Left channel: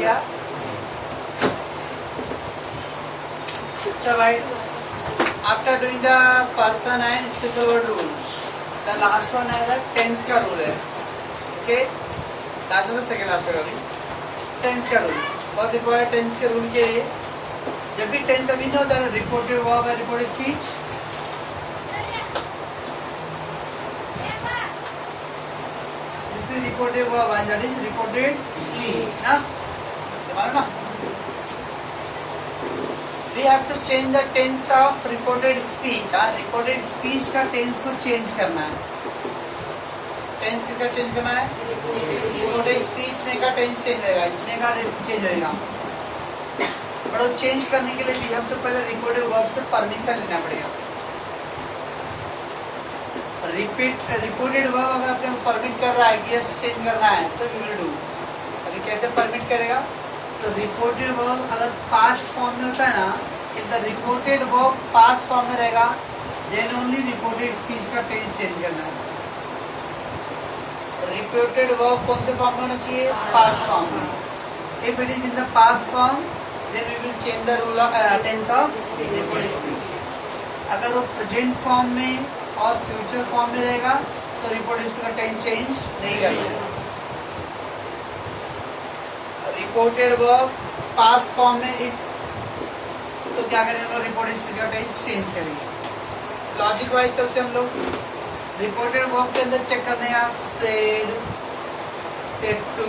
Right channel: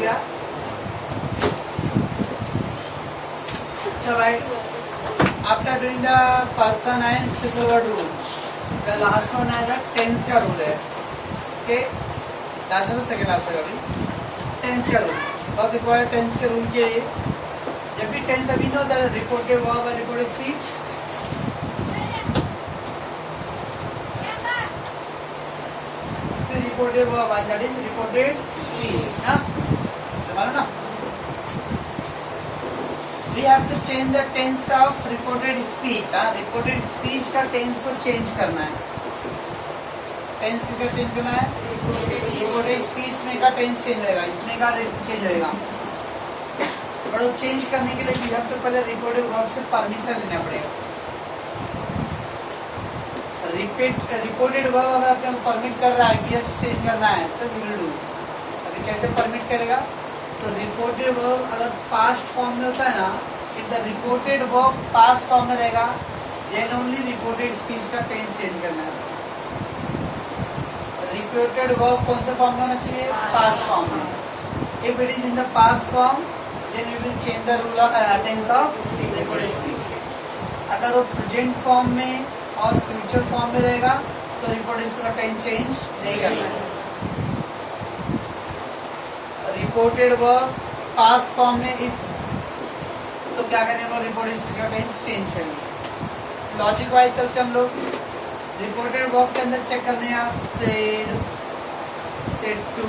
किया। Right, after doing the person and special word rule, the last one है the tense का rule है। Okay, last में second last का tense का रूल बहुत इंपॉर्टेंट। टेंस के रूल के लिए जब भी टेंस अभी नो द रिपोर्टेड वर्ब है reported speech, this is reported verb and that is reported speech ना, मानो ना। We have to change the tense of reported speech। Reported speech का टेंस को चेंज करना है। टेंस किसका चेंज करना है? रिपोर्टेड स्पीच में का टेंस चेंज होगा, इसमें का चेंज होगा। बट वो चेंज करने के लिए भी हम तो पहले रिपोर्टेड वर्ब से परमिशन लेना पड़ेगा। रिपोर्टेड वर्ब अगर आपके परमिट कर रहा है कि यस चेंज करना है तो वी विल डू। अभी कैसे परमिट करेगा? तो रिपोर्टेड वर्ब अगर पास्ट फॉर्म में होता है ना, if the reported verb past form में रहेगा देन ओनली रिपोर्टेड स्पीच का टेंस चेंज करना है। रिपोर्टेड वर्ब कौन से फॉर्म में होना चाहिए? पास्ट फॉर्म में। If it is in the past form then we will change the rule of tense of reported speech. अगर वो प्रेजेंट फॉर्म में और फ्यूचर फॉर्म में रहेगा तो रिपोर्टेड स्पीच का टेंस चेंज नहीं करना है। रिपोर्टेड वर्ब पास्ट फॉर्म में इफ तो क्या करेंगे? रिपोर्टेड स्पीच का टेंस चेंज करेंगे। लॉजिक वाइज चलते हम लोग रिपोर्टेड वर्ब के अंदर चेक करने हैं said, said to,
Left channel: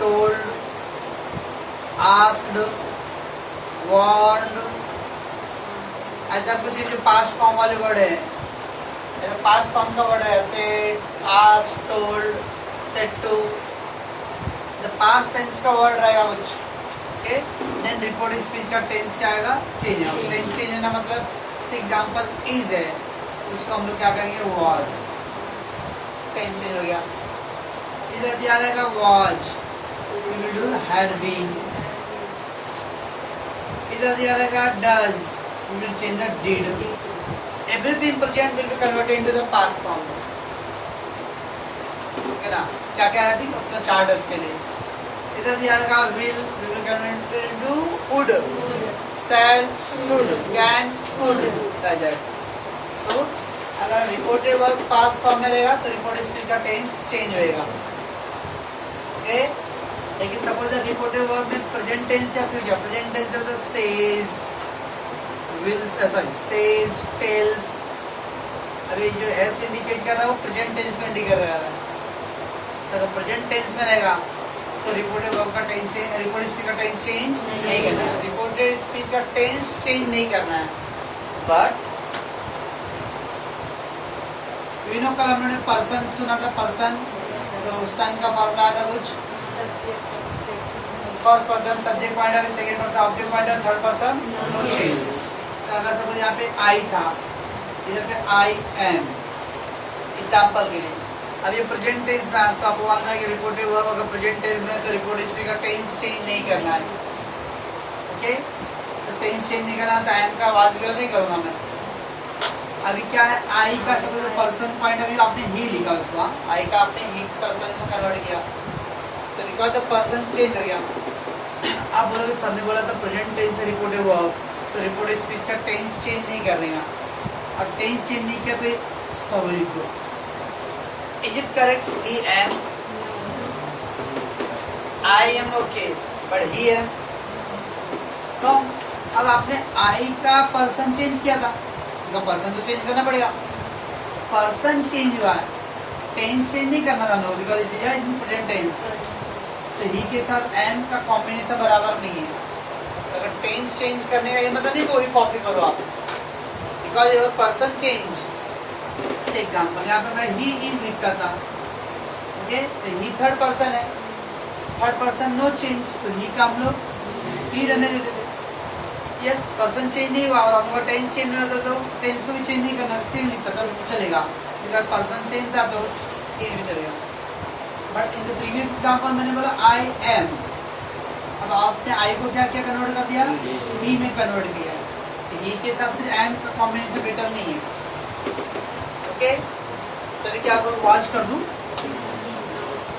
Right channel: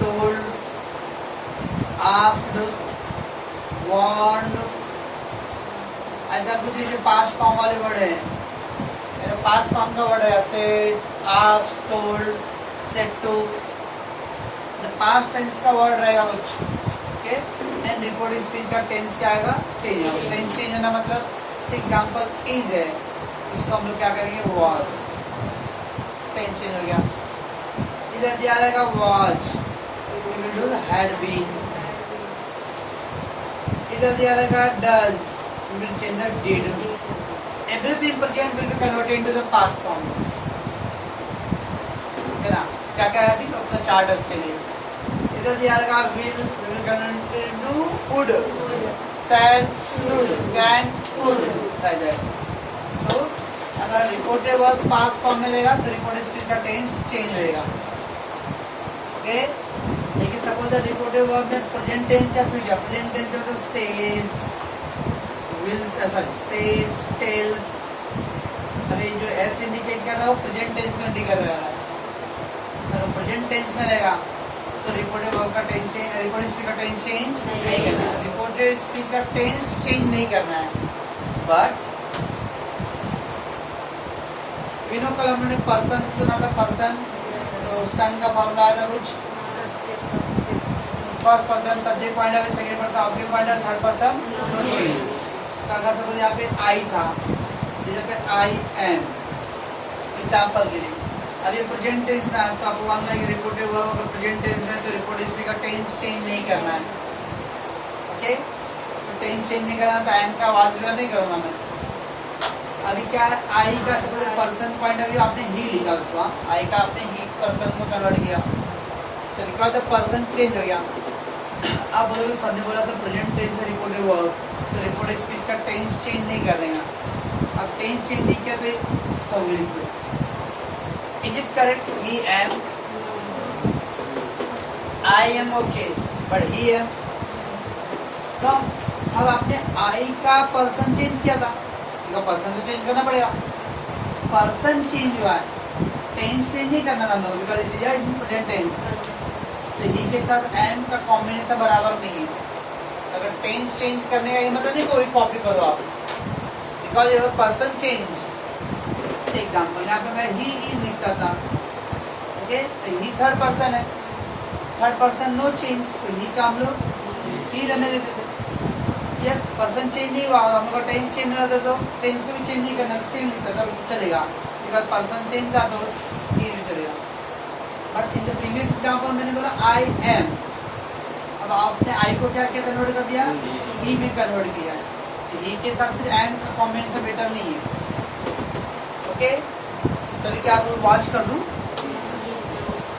told, asked, warned, ऐसा कुछ जो पास्ट फॉर्म वाले वर्ड है, पास्ट फॉर्म का वर्ड है said, asked, told, said to, past tense का वर्ड रहेगा कुछ। ओके, देन रिपोर्टेड स्पीच का टेंस क्या आएगा? चेंज होगा। टेंस चेंज होना मतलब एग्जाम्पल इज है, उसको हम लोग क्या करेंगे? वॉज। टेंस चेंज हो गया। इधर दिया रहेगा was, we will do had been. इधर दिया रहेगा does, we will change the did. Everything present will be converted into the past form. है ना? क्या क्या है अभी अपना चार्टर्स के लिए? इधर दिया रहेगा will do would, shall, should, can, could, तो अगर रिपोर्टेड वर्ब पास्ट फॉर्म में रहेगा तो रिपोर्टेड स्पीच का टेंस चेंज होएगा। ओके, लेकिन सपोज रिपोर्टेड वर्ब में प्रेजेंट टेंस या फ्यूचर, प्रेजेंट टेंस है तो says, will, sorry says, tells. अभी जो एस इंडिकेट कर रहा है वो प्रेजेंट टेंस में इंडिकेट कर रहा है। अगर प्रेजेंट टेंस में रहेगा तो रिपोर्टेड वर्ब का टेंस चेंज, रिपोर्टेड स्पीच का टेंस चेंज नहीं करना है। रिपोर्टेड स्पीच का टेंस चेंज नहीं करना है। बट विनो कल हमने पर्सन सुना था, पर्सन तो सन का फॉर्मूला आया था कुछ, फर्स्ट पर्सन सब्जेक्ट पॉइंट है, सेकंड पर्सन ऑब्जेक्ट पॉइंट है, थर्ड पर्सन चेंज। अगर सपोज यहाँ पे आई था, इधर पे आई एम, एग्जाम्पल के लिए। अब ये प्रेजेंट टेंस में तो आपको मानना है कि रिपोर्टेड वर्ब अगर प्रेजेंट टेंस में तो रिपोर्टेड स्पीच का टेंस चेंज नहीं करना है। ओके, तो टेंस चेंज नहीं करना तो एम का आवाज नहीं करूंगा मैं। अभी क्या है? आई का सबसे पर्सन पॉइंट अभी आपने ही लिखा उसको, आई का आपने ही पर्सन को कन्वर्ट किया तो बिकॉज द पर्सन चेंज हो गया। आप बोलोगे सर ने बोला था प्रेजेंट टेंस है रिपोर्टेड वर्ब, तो रिपोर्टेड स्पीच का टेंस चेंज नहीं कर रहे हैं। अब टेंस चेंज नहीं किया तो सब लिख दो। Is it correct? He am. I am okay, but he am. तो अब आपने I का पर्सन चेंज किया था, इनका पर्सन तो चेंज करना पड़ेगा। पर्सन चेंज हुआ है, टेंस चेंज नहीं करना था हम लोग, because it is in present tense. तो ही के साथ एम का कॉम्बिनेशन बराबर नहीं है। अगर टेंस चेंज करने का ये मतलब नहीं कोई कॉपी करो आप, बिकॉज ये पर्सन चेंज। एग्जाम्पल यहाँ पे मैं ही इज लिखता था, ओके, तो ही थर्ड पर्सन है, थर्ड पर्सन नो चेंज, तो ही का हम लोग ही रहने देते थे। यस, पर्सन चेंज नहीं हुआ और हम लोग टेंस चेंज होना था तो टेंस को भी चेंज नहीं करना, सेम लिखता सब चलेगा, बिकॉज पर्सन सेम था तो ही भी चलेगा। But in the previous example मैंने बोला आई एम, अब आपने आई को क्या क्या कन्वर्ट कर दिया? ही में कन्वर्ट किया। ही के साथ फिर एम का कॉम्बिनेशन बेटर नहीं है। ओके, सभी क्या आप वॉच कर दूं?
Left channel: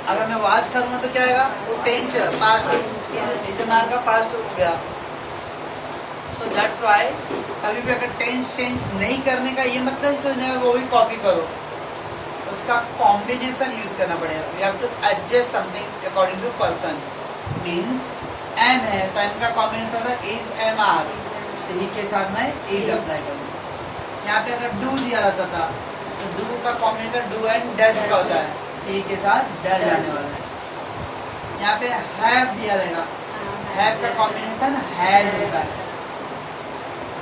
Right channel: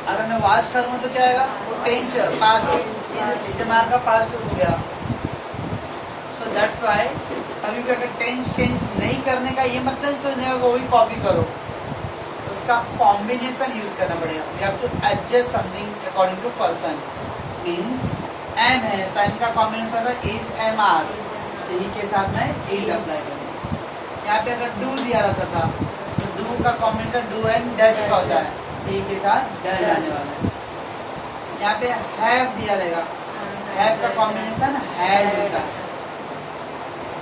अगर मैं वाच करूंगा तो क्या आएगा, वो टेंस पास्ट इस्तेमाल का पास्ट हो गया। सो दैट्स वाई कभी भी अगर टेंस चेंज नहीं करने का ये मतलब सोचने का वो भी कॉपी करो, तो उसका कॉम्बिनेशन यूज करना पड़ेगा। You have to adjust something according to person. Means M है तो एम का कॉम्बिनेशन है इज एम आर, ही के साथ मैं इज अप्लाई करूँगा। यहाँ पे अगर डू दिया रहता था तो डू का कॉम्बिनेशन डू एंड डच का होता है, ही के साथ डच आने वाला है। यहाँ पे हैव दिया रहेगा, हैव का कॉम्बिनेशन हैज होता है।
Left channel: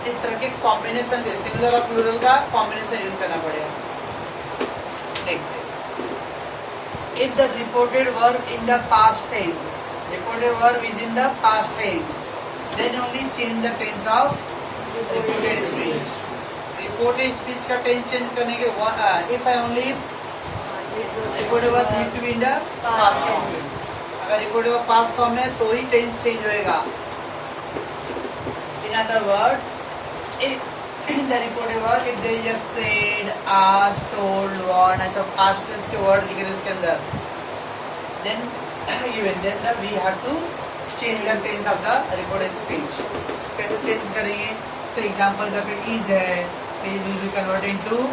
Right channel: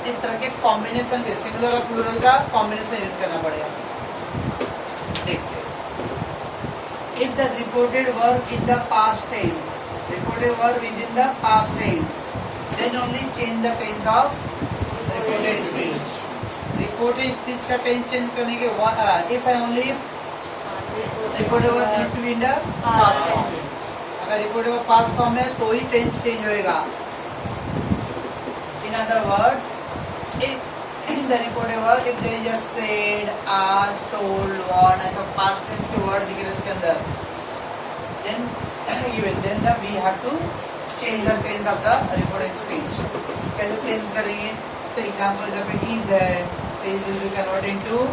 इस तरह के कॉम्बिनेशन सिंगुलर और प्लूरल का कॉम्बिनेशन यूज करना पड़ेगा। देखते if the reported verb in the past tense, reported verb is in the past tense, then only change the tense of reported speech. Reported speech का टेंस चेंज करने के if and only if reported verb need to be in the past tense. अगर reported verb past form है तो ही tense change होएगा। In other words in the reported work if there is just said, asked, told, warned, ऐसा past tense के word लिखे इसके अंदर, then we have to change the tense of the reported speech। कैसे change करेंगे? So example जब पे is है, it will be converted into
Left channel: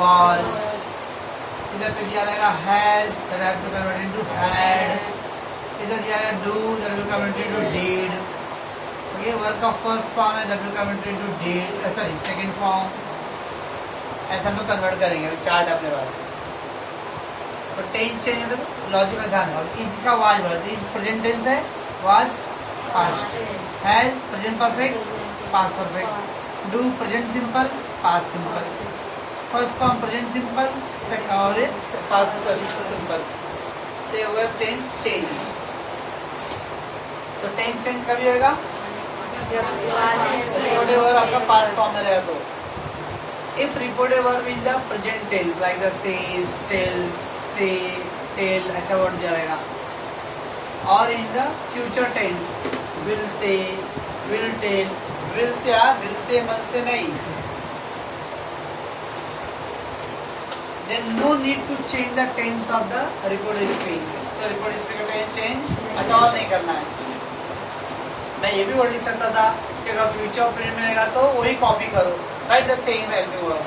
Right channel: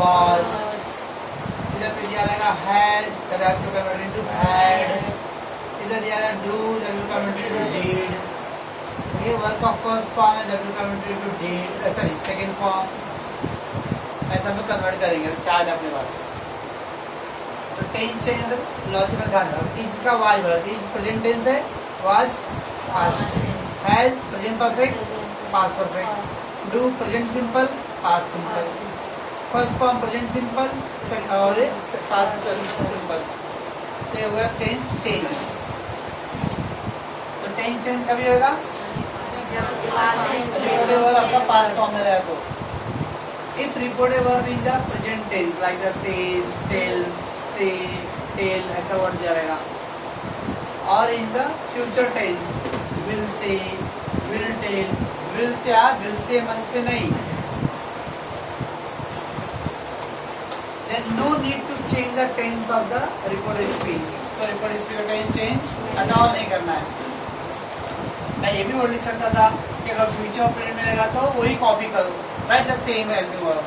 was। इधर पे दिया रहेगा has, that have to convert into had। इधर दिया रहेगा do, that will convert into did। ये वर्क का फर्स्ट फॉर्म है, W converted to date, sorry second form, ऐसा हम लोग कन्वर्ट करेंगे। चार्ट अपने पास तो टेंस चेंज मतलब लॉजिक में ध्यान रखो। इज का वाज बोला, इज प्रेजेंट टेंस है, was past, has present perfect past perfect, do present simple past simple, first form present simple और पास्ट सिंपल। तो वो टेंस चेंज। तो टेंस चेंज कभी होगा? रिपोर्टेड वर्ब आपका पास्ट फॉर्म में रहेगा तो। If reported verb in the present tense like the says, tells, say, tell ऐसा वर्ड दिया रहेगा, और in the future tense will say, will tell, will say मन से नहीं, then no need to change the tense of the reported speech। तो reported speech का tense change at all नहीं करना है। मैं ये भी वर्ड लिख सकता था कि अगर फ्यूचर और प्रेजेंट में रहेगा तो वही कॉपी करो, write the same helping verb.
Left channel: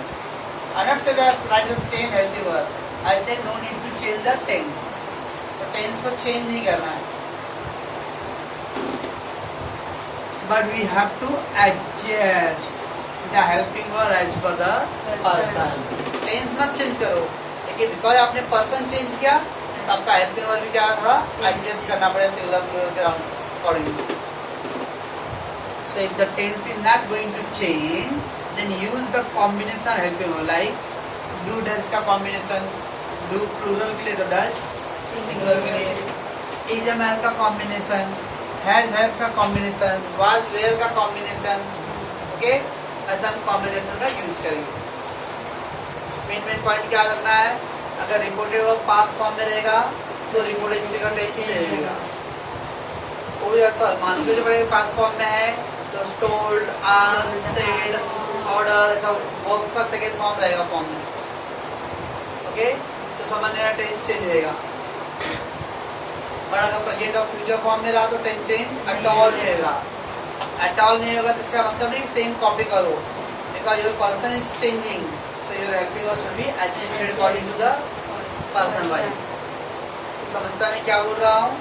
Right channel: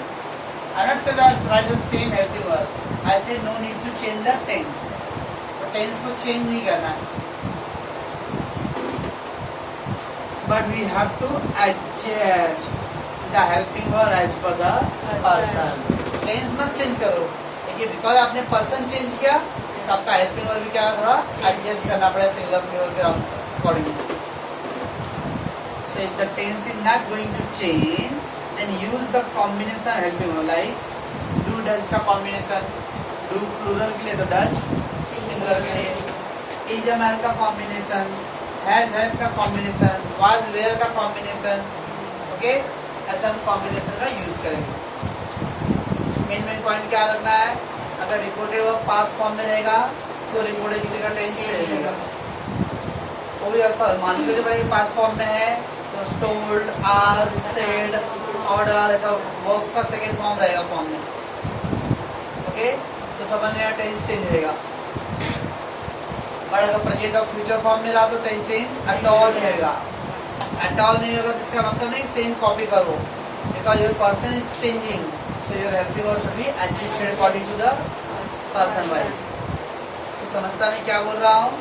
I not say write the same helping verb, I said no need to change the tense. तो टेंस को चेंज नहीं करना है, but we have to adjust the helping verb as per the person. Tense मत change करो, देखिए because आपने person change किया तो आपका हेल्पिंग वर्ब भी क्या होगा, एडजस्ट करना पड़ेगा सिंगुलर प्लूरल के according. So if the tense is not going to change, then use the combination helping verb like do does का combination, do plural के लिए तो does, singular के लिए is a man का combination, has have का combination, was where का combination, okay? ऐसा हम combination का use करेंगे। मेन पॉइंट क्या रखना है, अगर रिपोर्टेड वर्ब पास्ट फॉर्म में रहेगा तो रिपोर्टेड स्पीच का टेंस चेंज होगा। वो भी ऐसा मान लीजिए पड़ेगा पास्ट फॉर्म में है तो told, asked, said, order ऐसा वर्ब का सेकंड फॉर्म रहेगा फॉर्म में, ओके? तो समझने का टेंस चेंज रहेगा। और अगर प्रेजेंट और फ्यूचर फॉर्म में रहा तो टेंस चेंज एट ऑल नहीं होगा। एट ऑल नहीं होगा तो इसका मतलब नहीं सेम कॉपी करो, because your person is changing, so your helping verb should be adjusted according to the person wise. तो समझता नहीं क्या बोल रहा हूँ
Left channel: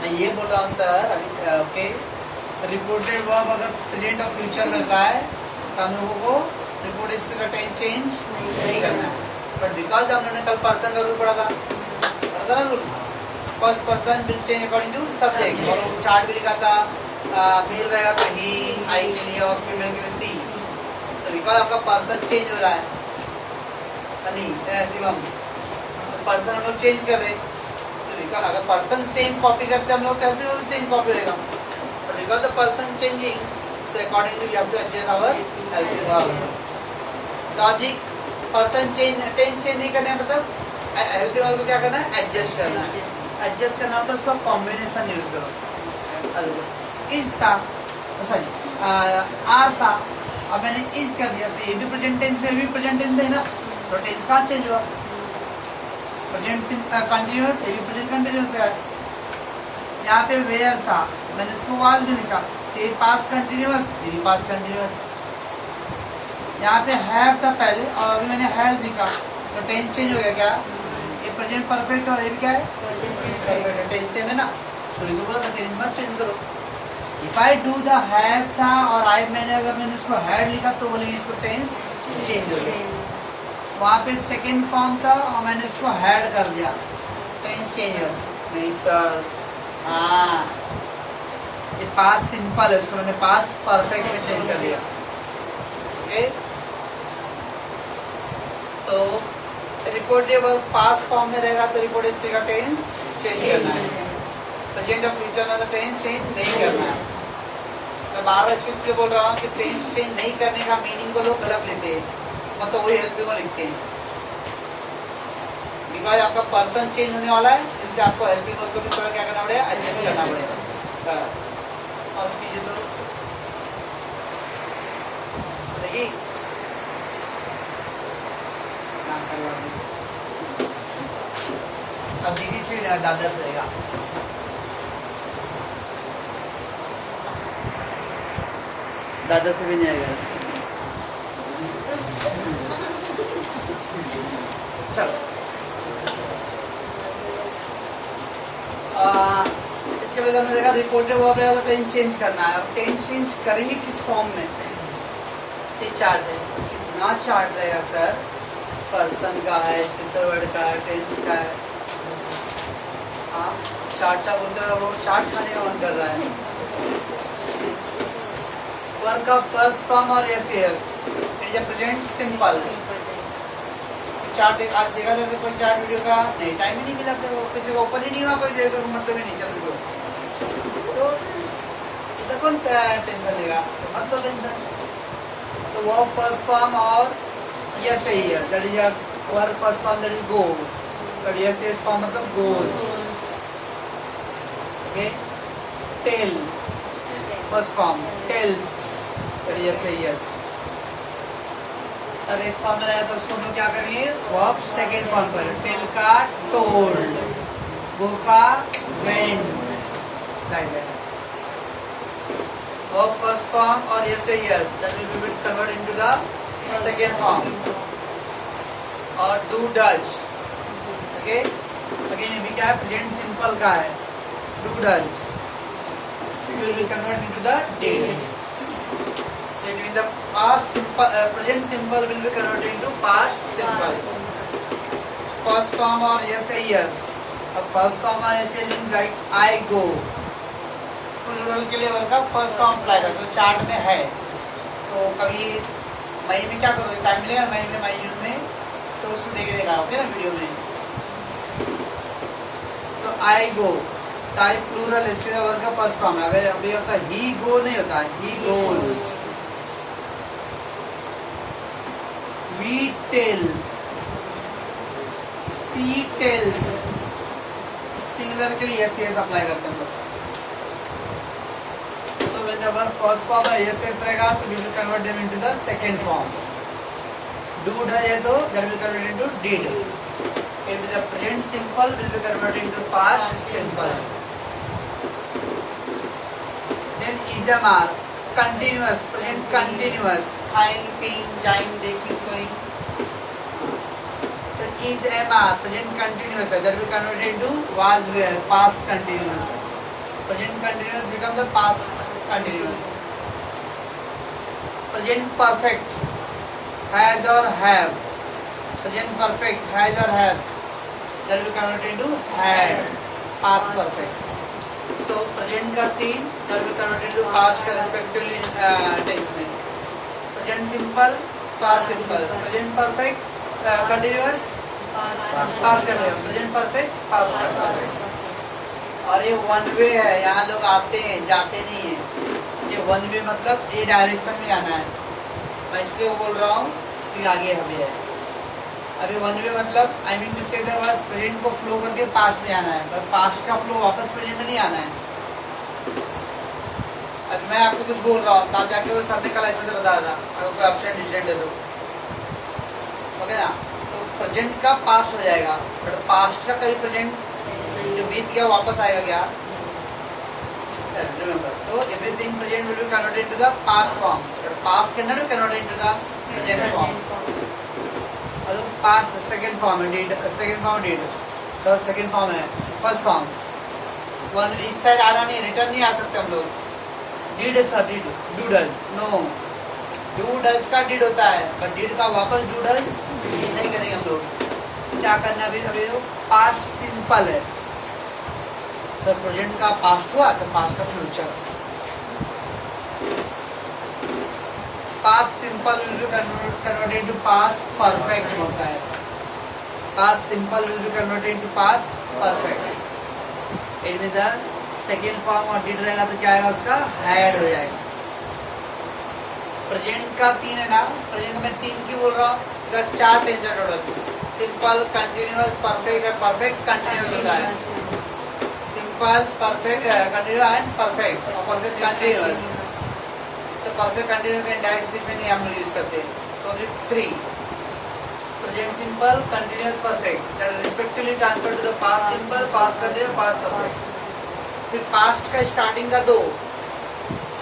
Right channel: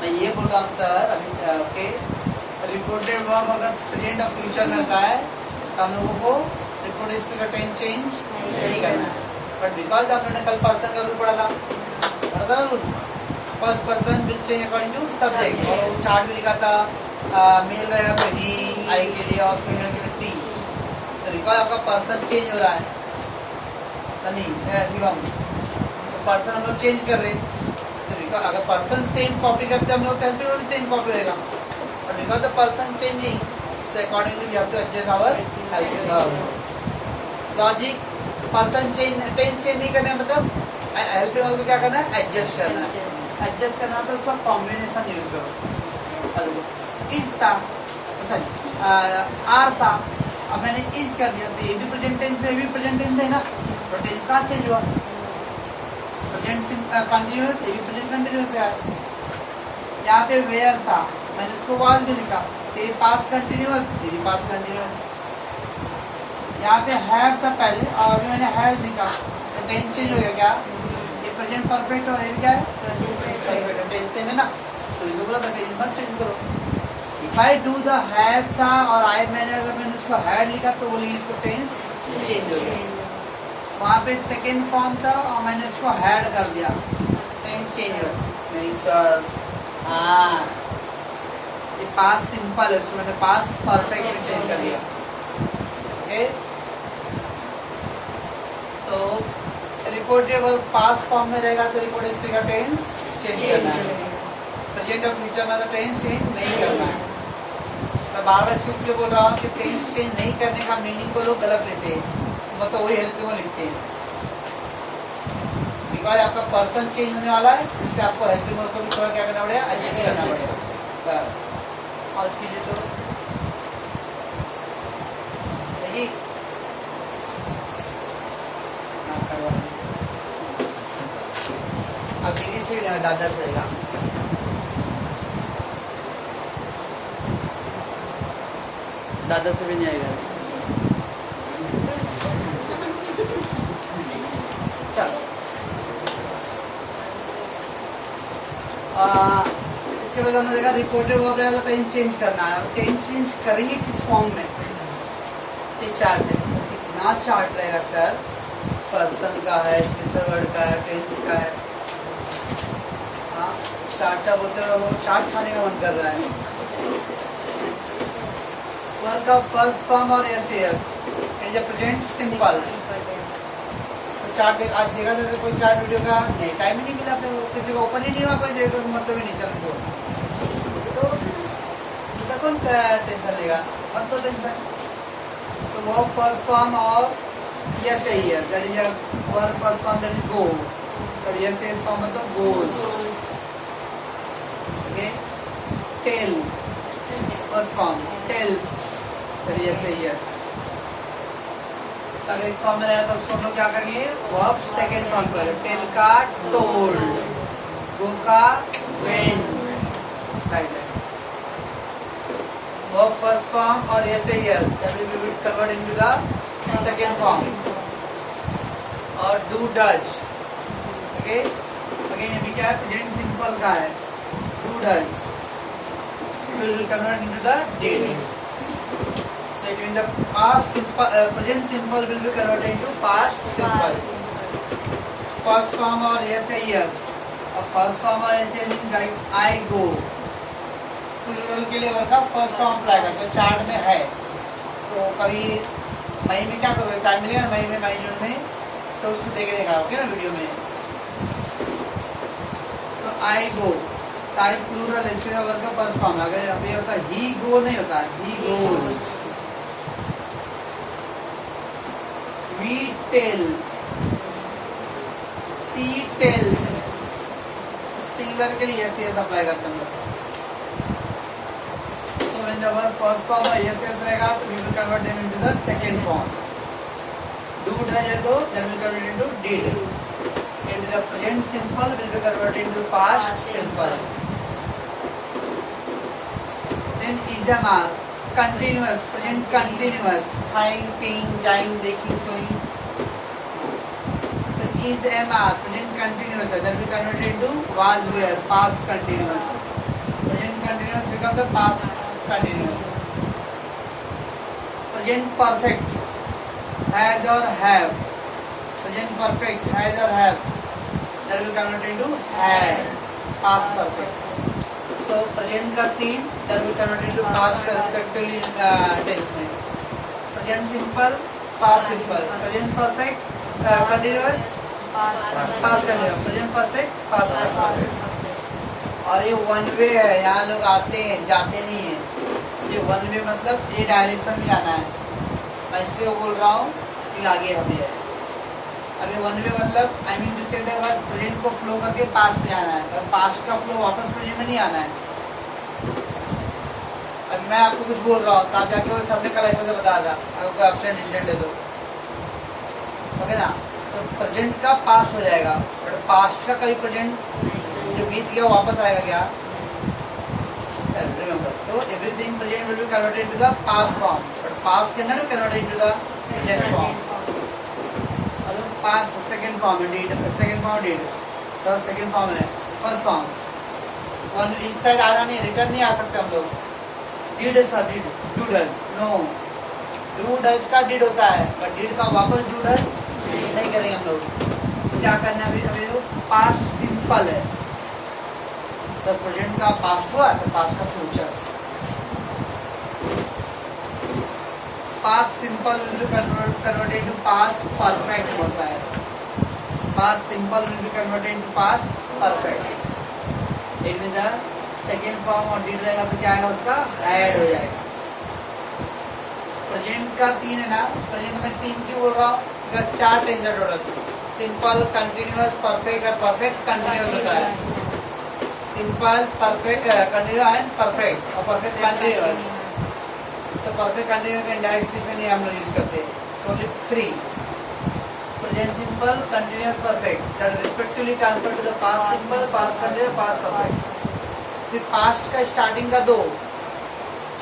मैं? ये बोल रहा हूँ सर अभी, ओके? रिपोर्टेड वर्ब अगर प्रेजेंट और फ्यूचर में होता है तो हम लोगों को रिपोर्टेड स्पीच का टेंस चेंज नहीं करना है, बट बिकॉज हम लोगों ने कल पर्सन का रूल पढ़ा था ना rule, first person will change according to subject, और वो चार्ट भी लिखा था मेल रहेगा तो ही, आई के लिए, और फीमेल के लिए सी। तो बिकॉज आपका पर्सन चेंज हो रहा है शिवम, तो पर्सन हम लोग चेंज कर रहे हैं, तो बिकॉज अगर पर्सन सेम कॉपी करते हम लोग हेल्पिंग वर्ब सेम कॉपी होगा, because the person changing, so accordingly we have to adjust our helping verb। Logic, person change, tense change नहीं करना है, मतलब helping verb को क्या करना है, adjust करना है। adjust करना होता है उसका combination यूज करो। is था, सॉरी are था, अब मैंने is कर दिया तो ये भी प्रेजेंट टेंस में, भी प्रेजेंट टेंस में है ना, तो टेंस कहाँ चेंज हुआ? प्रेजेंट कंटिन्यूस, ये भी प्रेजेंट कंटिन्यूस है। यहाँ पे वेयर था, मैंने इसको वाज भी लिखा, ये पास कंटिन्यूस, ये भी पास कंटिन्यूस। यहाँ पे हैव था पहले और अभी मैंने हैज लिखा, तो टेंस चेंज हो गया क्या? ये प्रेजेंट परफेक्ट और ये क्या है? परफेक्ट। टेंस सेम है ना, तो इसको बोला था टेंस मत चेंज करो। If I do the have था और आई अगर मैंने उसको हैड लिखा तो बोले इसको टेंस चेंज हो गया। वहाँ पे सेकेंड फॉर्म था और मैंने उसको हैड कर दिया, टेंस चेंज हो गया। नहीं सर, हाँ ये पास सिंपल है, उसको मैंने पास परफेक्ट में चेंज कर दिया। ओके, तो रिपोर्ट जब पास फॉर्म में रहेगा तो रिपोर्ट स्टेट का टेंस चेंज करना है। प्रेजेंट और फ्यूचर में तो टेंस चेंज नहीं करना है। मैं बार बार इसलिए बोल रहा हूँ कि टेंस चेंज नहीं करने का मीनिंग को लोग गलत लेते हैं, मतलब वही हेल्पिंग में लिखते हैं। बिकॉज आपका पर्सन चेंज होने वाला है, इसलिए आपको हेल्पिंग को भी थोड़ा क्या करना पड़ेगा, एडजस्ट करना पड़ेगा। और कीजिए तो देखिए अब डिग्री से दादा से रहेगा। दादा से भी नहीं आएगा। चलो इसके बाद हमें देखा रिपोर्ट है, वो तो टेंस चेंज करना है। टेंस चेंज करेंगे किस फॉर्म में? चार्ट में। कितना चार्ट रहेगा सर? पर्सन का है, स्पेशल वर्ड का है, टेंस का है। हाँ चार्ट बोलते हैं, वो चार्ट खाने का मन कर रहा है। वर्क ऑफ फर्स्ट फॉर्म और एस प्रेजेंट सिंपल। चार्ट आज देखा था कोई चार्ट वीडियो का नहीं, टाइम ही नहीं मिला, फिर किसी को ओपन ही नहीं हुआ, कोई देखो मतलब ही नहीं चल तो कौन टेंशन लेगा? अब तो टेंशन। तो वो फर्स्ट फॉर्म और यस है, that is work first form, that is go, that es form मतलब गोज। Okay, tell first form, tells, that is es. अगर इस फॉर्म में रहा तो उसको हम लोग क्या करेंगे? वर्ब सेकेंड फॉर्म पर, टेल का टोल्ड, गो का वेंट, वर्ब फर्स्ट फॉर्म और yes that will B convert into the second form. और डू डज, ओके अगेन ये भी क्या है? प्रेजेंट सिंपल का है, do does will be convert into the did. Meaning the past simple, present simple will be converted into past simple. First form or yes. अब first form और yes means like I go. Plural के लिए वर्ग का first form apply करते हो, chart में है। तो कभी महीने में क्या करोगे, टाइम मिलेगा महीने में तो उसको देख देगा, ओके ना, वीडियो में। तो I go टाइप प्लूरल, इसके वर्ग का फर्स्ट फॉर्म है। अगर अभी होता ही गो नहीं होता, he goes. We tell, she tells, singular के लिए yes अप्लाई करते हैं हम लोग। So when the verb first form है yes रहेगा तो we will convert them into the second form. Do है तो that will convert into did. If the present simple will be converted into past simple. Then is are continuous, present continuous, खाइल, पीन, जाइल, देखिंग, sowing. तो is are present continuous है, that will convert into was were, past continuous. Present continuous become the past continuous. Present perfect, has or have. Present perfect, has or have, that will convert into had, past perfect. So present का 3 that will convert into past के respectively tense में. Present simple, past simple. Present perfect, continuous, past continuous. Present perfect, past perfect. और ये one way है, यहाँ लोग आते हैं जाते नहीं है। ये वन वे मतलब ये डायरेक्शन में जाना है। मैं इसलिए बोल रहा हूँ कि आगे हमें है। अभी वन वे मतलब आई मीन टू से बस प्रेजेंट को फ्लो करके पास्ट में आना है, पर पास्ट का फ्लो वापस प्रेजेंट में नहीं आना है। अब मैं आपको कुछ बोल रहा हूँ, आप जाके वो सबने कल ऐसे से बताया था, अगर कोई एब्सेंट इंसिडेंट है तो ओके ना। तो प्रेजेंट का पास्ट हो जाएगा, बट पास्ट का कभी प्रेजेंट जो बीत गया वापस आएगा क्या? रिमेंबर, तो everything present will be converted into the past form, but past can not be converted into the present form. और पास्ट सेकंड फॉर्म है, did second form, did sir second form है, फर्स्ट फॉर्म. वन इस side आ रहा नहीं, return नहीं आ सकते हम लोग. Did sir, did do does, no do does का डीड होता है, पर डीड का वापस डू डज नहीं करेंगे हम लोग. क्या करना है अभी? पास्ट सिंपल है सर, प्रेजेंट का पास्ट हुआ तो पास्ट का future. Past simple will be converted to past perfect होता है. Past simple will be converted to past perfect. इनमें द सेकेंड फॉर्म और डीड रहेगा तो क्या आएगा उसका? हैड हो जाएगा. प्रेजेंट का 3 है ना, प्रेजेंट में 3 क्यों बोल रहा हूँ? 4 टेंस है टोटल. Simple, continuous, perfect. और परफेक्ट कंटिन्यूअस होता है. Simple, perfect, continuous and perfect. और परफेक्ट कंटिन्यूअस. तो परफेक्ट कंटिन्यूअस में इंडायरेक्ट स्पीच में नहीं हम लोग यूज करते. तो only 3. Present simple, continuous, perfect. That respectively transfer to the past simple, past continuous, past perfect. फिर पास्ट का स्टार्टिंग का 2.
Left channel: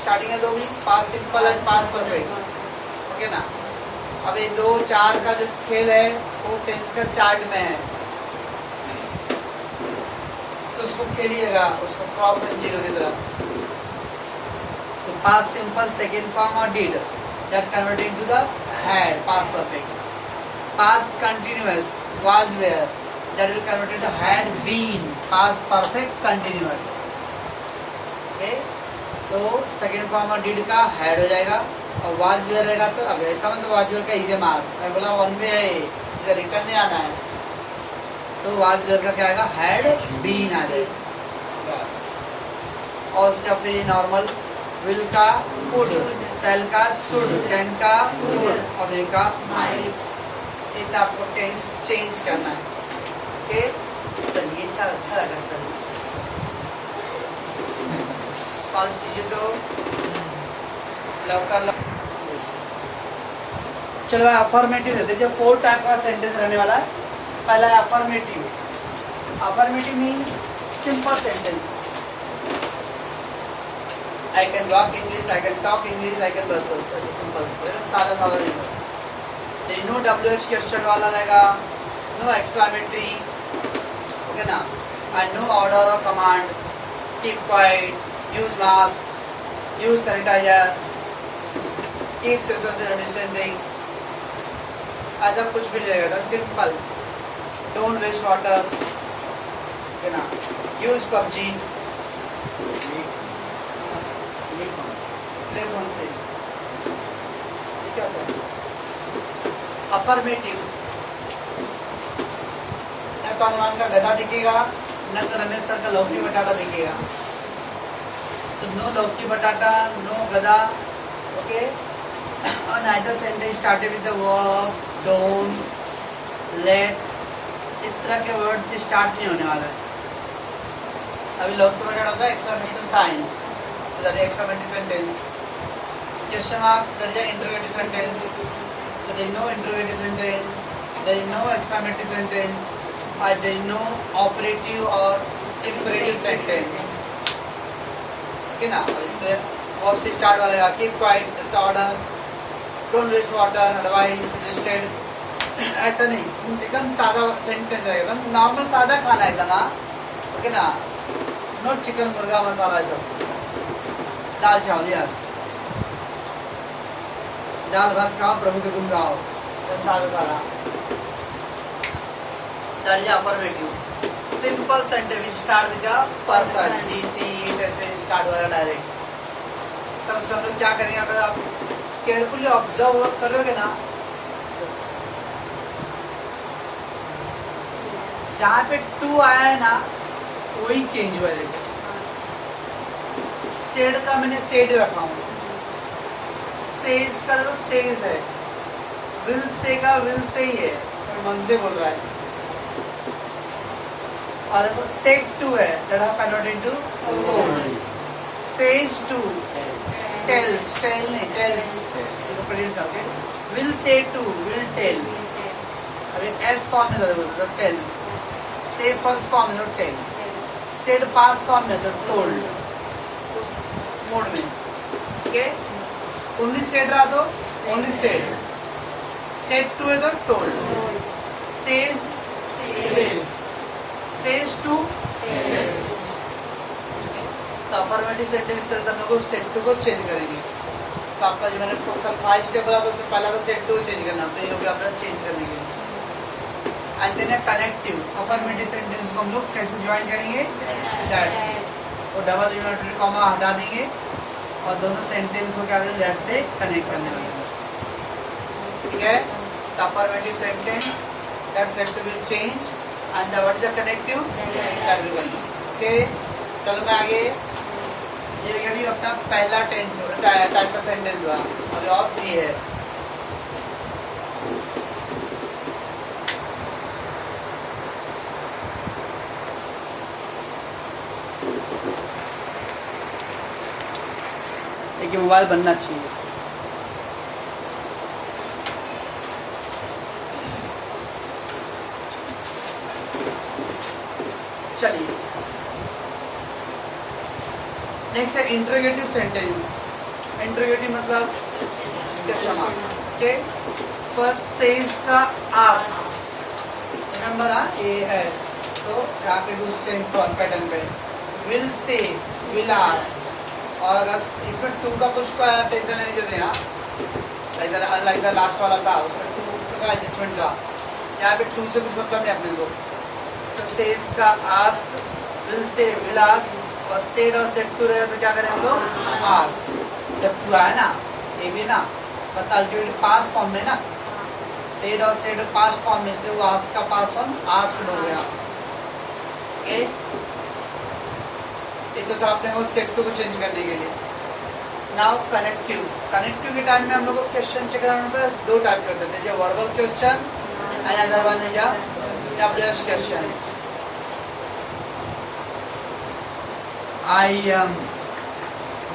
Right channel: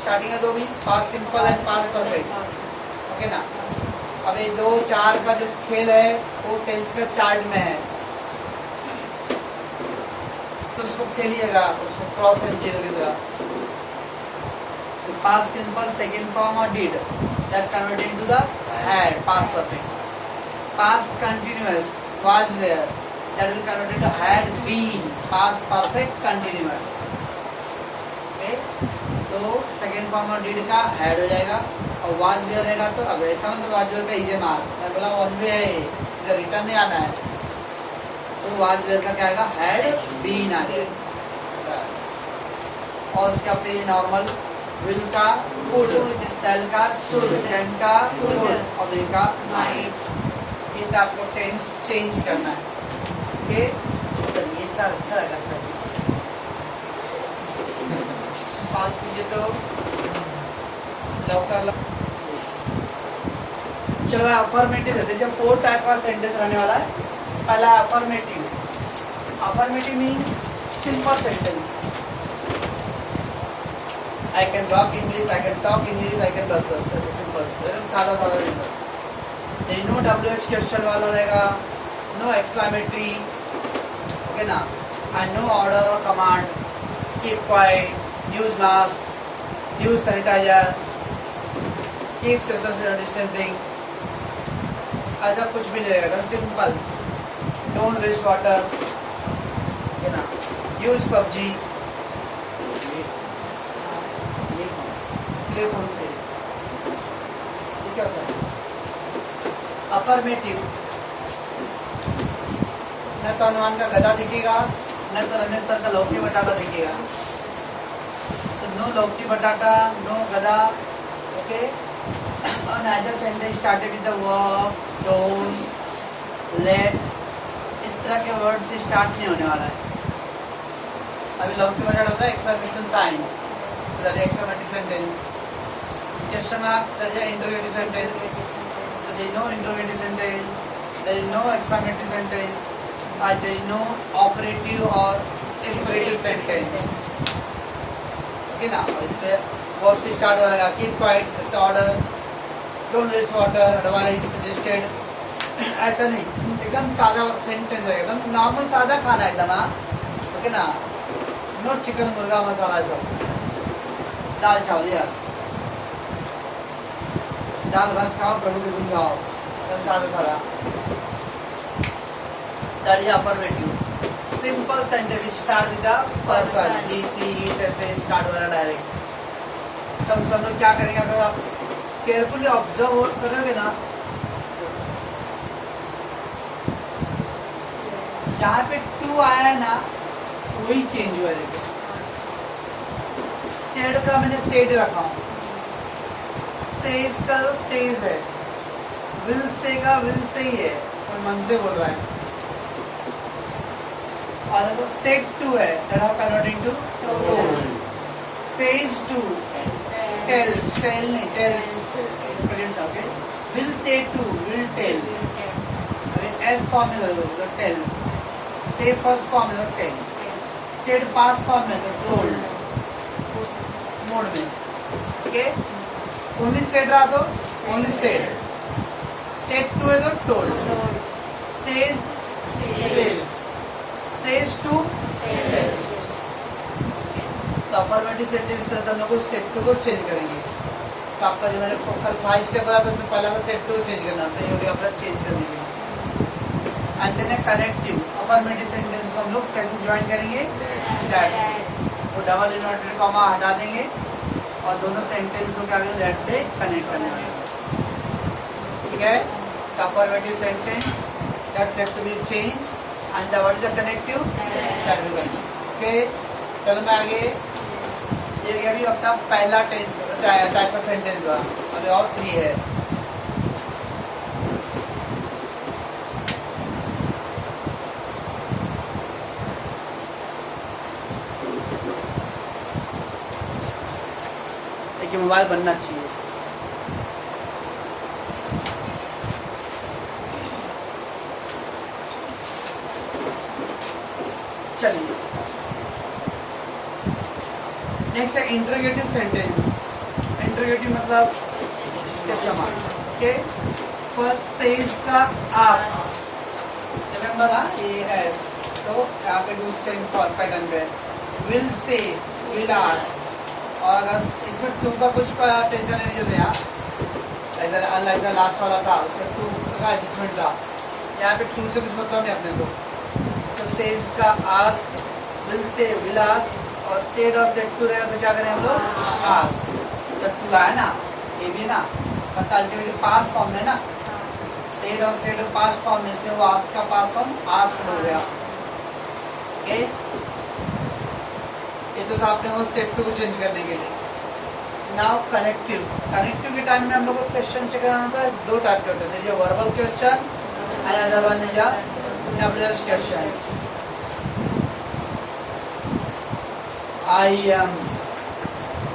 स्टार्टिंग का 2 means past simple and past perfect. Okay ना? अब ये 2 4 का जो खेल है वो टेंस का चार्ट में है, तो उसको खेलिएगा, उसको क्रॉस में जीरो की तरह. तो पास्ट सिंपल, सेकेंड फॉर्म और did that converted into the had, past perfect. Past continuous, was were, that will convert into had been, past perfect continuous. Okay, तो सेकेंड फॉर्म और डीड का had हो जाएगा. और वाज वेयर रहेगा तो अब ऐसा मतलब वाज वेयर का इजी मार्क. मैं बोला वन वे है, इधर रिटर्न नहीं आना है, तो वाज वेयर का क्या आएगा? हैड बीन आ जाएगा. और उसका फिर नॉर्मल विल का कुड, सेल का शुड, कैन का वुड, और ए का माइट. इतना आपको टेंस चेंज करना है. ओके, तो ये अच्छा लगा सर. 5 कीजिए तो लवकर. चलो अफर्मेटिव है. देखिए 4 टाइप का सेंटेंस रहने वाला है. पहला affirmative. Affirmative means simple sentence. I can walk English, I can talk English, I can बस बस. सिंपल, सादा सादा नहीं. नो WH क्वेश्चन वाला रहेगा, नो एक्सक्लामेटरी. ओके ना? एंड नो ऑर्डर और command. Keep quiet, use mask, use sanitizer, keep social distancing. ऐसा कुछ भी नहीं रहेगा. सिंपल. डोंट वेस्ट वाटर, है ना? Use PUBG. टेलीफोन से क्या था? अफर्मेटिव. न तो अनुमान का गधा दिखेगा, न तो रमेश सर का लौकी बटाटा दिखेगा. So no लौकी बटाटा, no गधा. ओके. और neither sentence started with the verb, don't, let. इस तरह के वर्ड से स्टार्ट नहीं होने वाला है. अभी लौकी बटाटा होता है exclamation sign, that exclamatory sentence. Question mark, that is interrogative sentence. There is no interrogative sentence, there is no exclamative sentence, or there is no operative or imperative sentence. Okay ना? इसमें verb से start हो जाएगा. Keep quiet, that's order. Don't waste water, advice, suggested. ऐसा नहीं, एकदम सादा sentence है, एकदम नॉर्मल सादा खाना है ना. ओके ना? नो चिकन, मुर्गा, मसाला सब. दाल चावल, यस. दाल भात खाओ, प्रभु के गुण गाओ. सादा सादा. That is affirmative. Simple sentence which start with the person, he, she, it ऐसे स्टार्ट हो रहा है डायरेक्ट. तब सब लोग क्या करेंगे? अगर आप केयरफुली ऑब्जर्व करोगे ना, जहाँ पे टू आया है ना वही चेंज हुआ है. देखो सेड का मैंने सेड रखा हूँ. सेज का तो सेज है. विल से का विल से ही है, और मन से बोल रहा है. और देखो सेड टू है, convert into says to, tells, tell नहीं tells. Will say to, will tell. अरे एस फॉर्म में तो टेल, से फर्स्ट फॉर्म में तो टेल, सेड पास्ट फॉर्म में तो टोल्ड मोड में, ओके। ओनली सेड रहा तो ओनली सेड, सेड टू है तो टोल्ड, सेज सेज टू, तो अफर्मेटिव सेंटेंस इस तरह से हम लोग सेट टू को चेंज करेंगे। तो आपका जो मैंने 5 स्टेप बोला तो उसमें पहला तो सेट टू चेंज करना, तो ये भी आपका चेंज करने के लिए। And then connective affirmative sentence को हम लोग कैसे ज्वाइन करेंगे, दैट, वो डबल इन्वर्टेड कॉमा हटा देंगे और दोनों सेंटेंस को क्या करेंगे, दैट से कनेक्ट करने वाले, ठीक है। The affirmative sentence that said to will change and what is the connective, that will be, okay. चलो मैं आगे, ये अभी अपना पहला टेंस टाइप का सेंटेंस हुआ और 3 है। देखिए मोबाइल बनना चाहिए। चलिए नेक्स्ट है इंटरोगेटिव सेंटेंस। इंटरोगेटिव मतलब क्षमा, ओके। फर्स्ट सेज का आस्क, रिमेंबर एएस, तो यहाँ पे डू सेम फॉर्म पैटर्न पे, विल से, विल आस्क, और अगर इसमें टू का कुछ टेंशन नहीं जो रहा, अनलाइक लास्ट वाला था उसमें टू का एडजस्टमेंट था, यहाँ पे टू से कुछ मतलब नहीं अपने को। तो सेज का ask, will say, will ask, और सेड और सेड टू रहे तो क्या करें हम लोग, पास। जब टू आया ना, ये भी ना मतलब अल्टीमेटली पास फॉर्म में ना, सेड और सेड पास फॉर्म में, इसलिए वो आस्क का पास फॉर्म आस्क्ड हो गया, ओके। ये तो आपने वो सेड टू को चेंज करने के लिए। नाउ कनेक्टिव, कनेक्टिव के टाइम में हम लोग को क्वेश्चन चेक करना होता है, 2 टाइप के होते हैं, जो verbal question and other one is WH question. I am,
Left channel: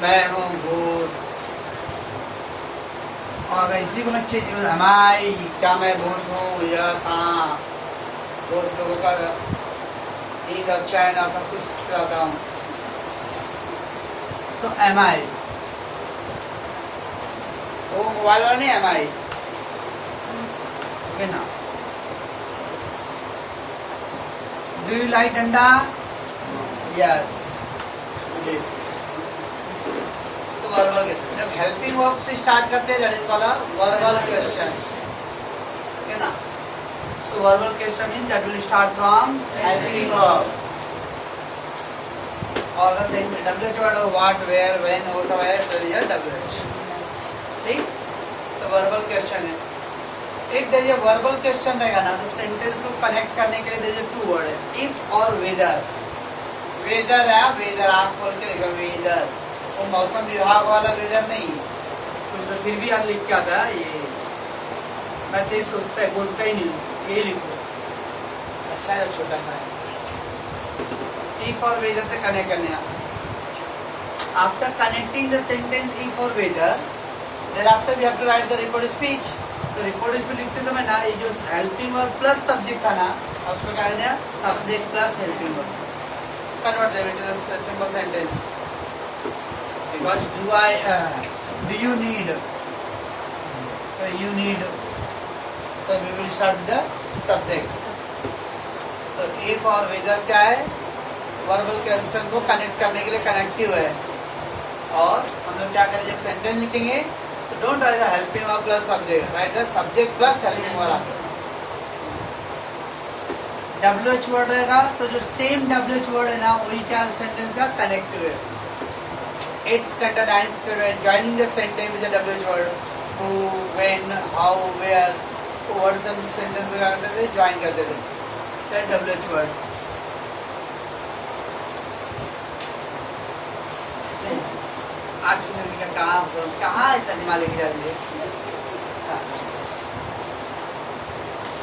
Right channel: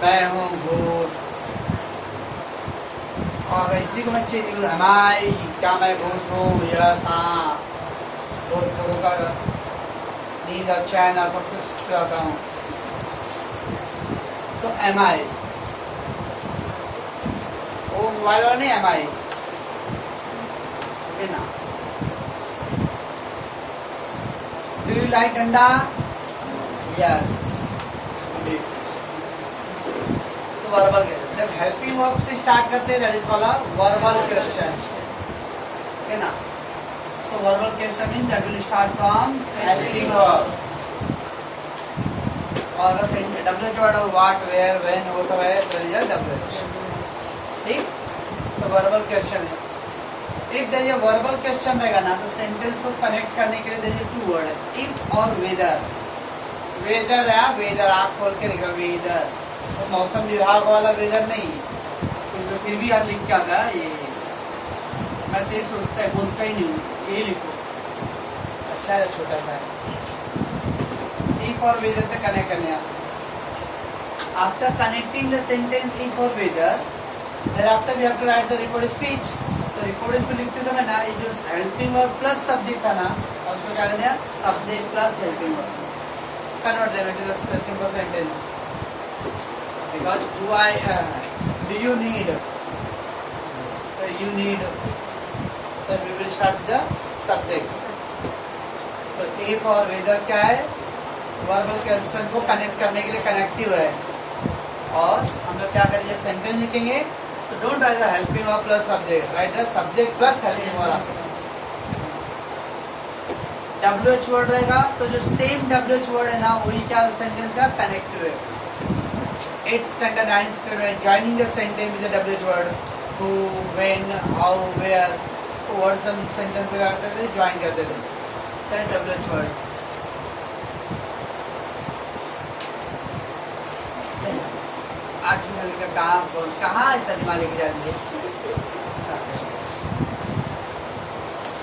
मैं हूँ भूत, और इसी को मैं चेंज यूज, हमारी, क्या मैं भूत हूँ, यस हाँ, भूत लोगों का नींद और चैन और सब कुछ कराता हूँ। तो एम आई, वो मोबाइल वाला नहीं, एम आई, ओके ना। Do you like anda, yes. तो वर्बल क्वेश्चन, जब हेल्पिंग वर्ब से स्टार्ट करते हैं that is called verbal question, है ना। So verbal question means that will start from helping verb, और WH word what, where, when, वो सब है, दैट इज डब्ल्यूएच, ठीक। तो वर्बल क्वेश्चन है। एक देयर वर्बल क्वेश्चन रहेगा ना, तो सेंटेंस को कनेक्ट करने के लिए देयर 2 वर्ड है, इफ और वेदर। वेदर है, वेदर आप खोल के लिखो, वेदर, वो मौसम विभाग वाला वेदर नहीं, कुछ तो फिर भी आप लिख के आता है ये, मैं तो ये सोचता है बोलता ही नहीं हूँ, ये लिखो, अच्छा है, छोटा सा है। इफ और वेदर से कनेक्ट करने आता। After connecting the sentence if or whether, then after we have to write the record speech. तो रिकॉर्ड स्पीच लिखते समय ना, ये जो हेल्पिंग वर्ब प्लस सब्जेक्ट था ना, और उसको क्या करना है, subject plus helping verb, convert them into a simple sentence. Because do you need? So you need. So we will start with the subject. So if और whether क्या है, वर्बल क्वेश्चन को कनेक्ट करने के लिए कनेक्टिव है, और हम लोग क्या करेंगे, सेंटेंस लिखेंगे, तो don't write the helping verb plus subject, right the subject plus helping verb. WH word रहेगा तो जो सेम डब्ल्यूएच वर्ड है ना, वही क्या सेंटेंस का कनेक्टिव है। 8th standard 9th standard joining the sentence with the WH word, who, when, how, where, word सब सेंटेंस में करते थे, ज्वाइन करते थे, चाहे WH word। आज का कहाँ इतना दिमाग लेके जा रही है,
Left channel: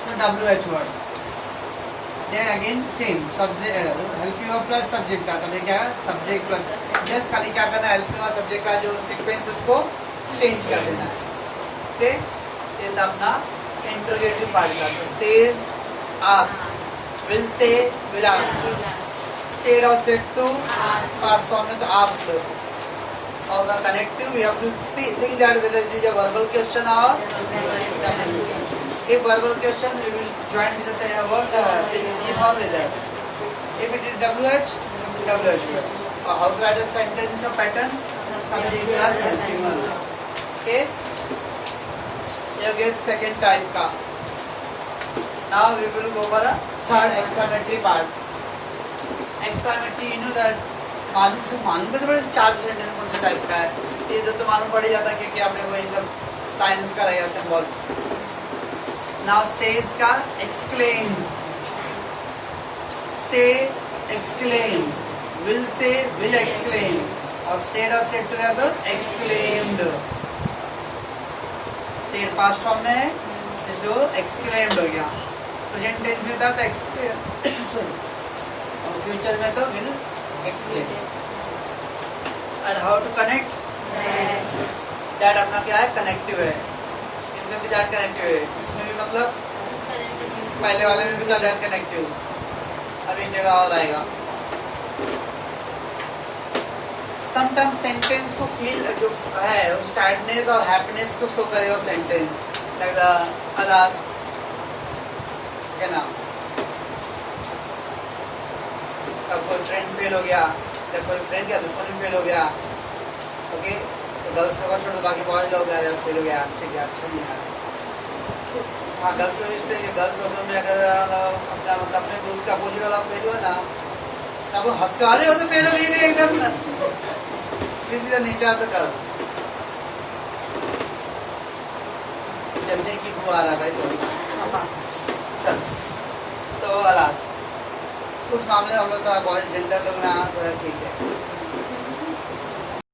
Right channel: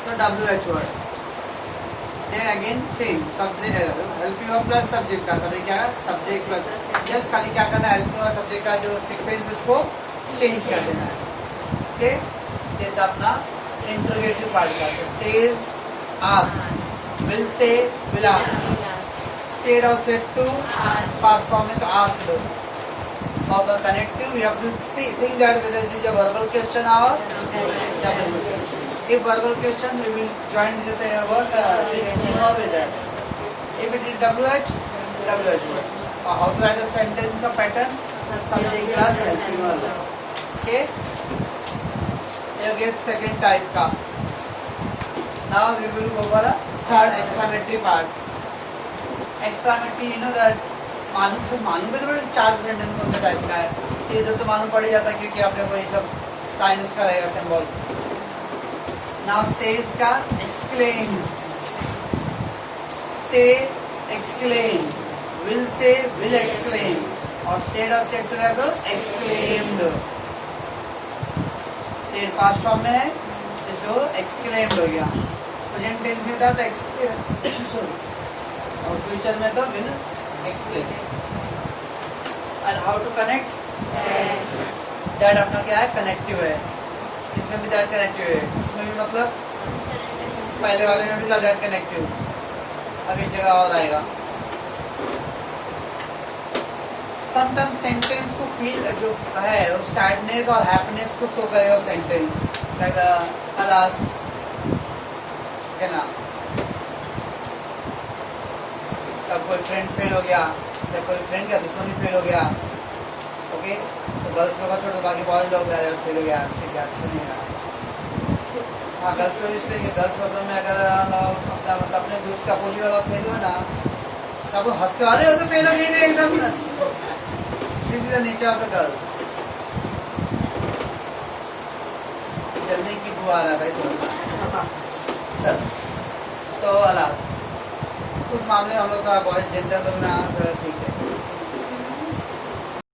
तो WH word। Then again same subject, helping verb plus subject था, तभी क्या सब्जेक्ट प्लस, जस्ट खाली क्या करना है, हेल्पिंग वर्ब सब्जेक्ट का जो सीक्वेंस उसको चेंज कर देना है, ठीक। ये था अपना इंटरोगेटिव पार्ट का। तो says ask, will say, will ask, said or said to, past form में तो asked. और the connective we have to think that whether it is a verbal question or example question. If verbal question we will join with the word with or without. If it is WH, WH. Or how to write a sentence का pattern something class helping one. Okay. You get second type का. Now we will go over a third exclamatory part. Exclamatory you know that मालूम पे तो बड़े चार sentence कौन सा type का है ये तो मालूम पड़ ही जाता है क्योंकि आपने वही सब साइंस का रहेगा सिंबल. नाउ सेज का एक्सक्लेम्स, से एक्सक्लेम, विल एक्सक्लेम और सेड और सेड टू तो एक्सक्लेम्ड. सेड पास्ट फॉर्म में है इसको एक्सक्लेम्ड हो गया. प्रेजेंट टेंस में था तो एक्सक्लेम और फ्यूचर में तो will explain. And how to connect, that अपना क्या है कनेक्टिव है. इसमें भी दैट कनेक्टिव है, इसमें भी मतलब पहले वाले में भी था दैट कनेक्टिव. अब एक जगह और आएगा. समटाइम्स सेंटेंस को फील जो है सैडनेस और हैप्पीनेस को शो करेगा सेंटेंस लाइक अलास क्या ना. कोई फ्रेंड फेल हो गया या कोई फ्रेंड क्या दुश्मन भी फेल हो गया. ओके तो गर्ल्स लोग छोड़ दो बाकी बॉयज लोग फेल हो गया से क्या अच्छा नहीं है. हाँ गर्ल्स लोग गर्ल्स लोगों में अगर अपना मतलब अपने ग्रुप का अपोजिट वाला फेल हुआ ना तो आप हंस के आ रहे हो तो फेल हो गई एकदम. This is the nature of the girls. जल्दी की बुआ आ रहा भाई तो चल तो अलास उस मामले में हम लोग का बॉयज जेंडर लोग ना ठीक है.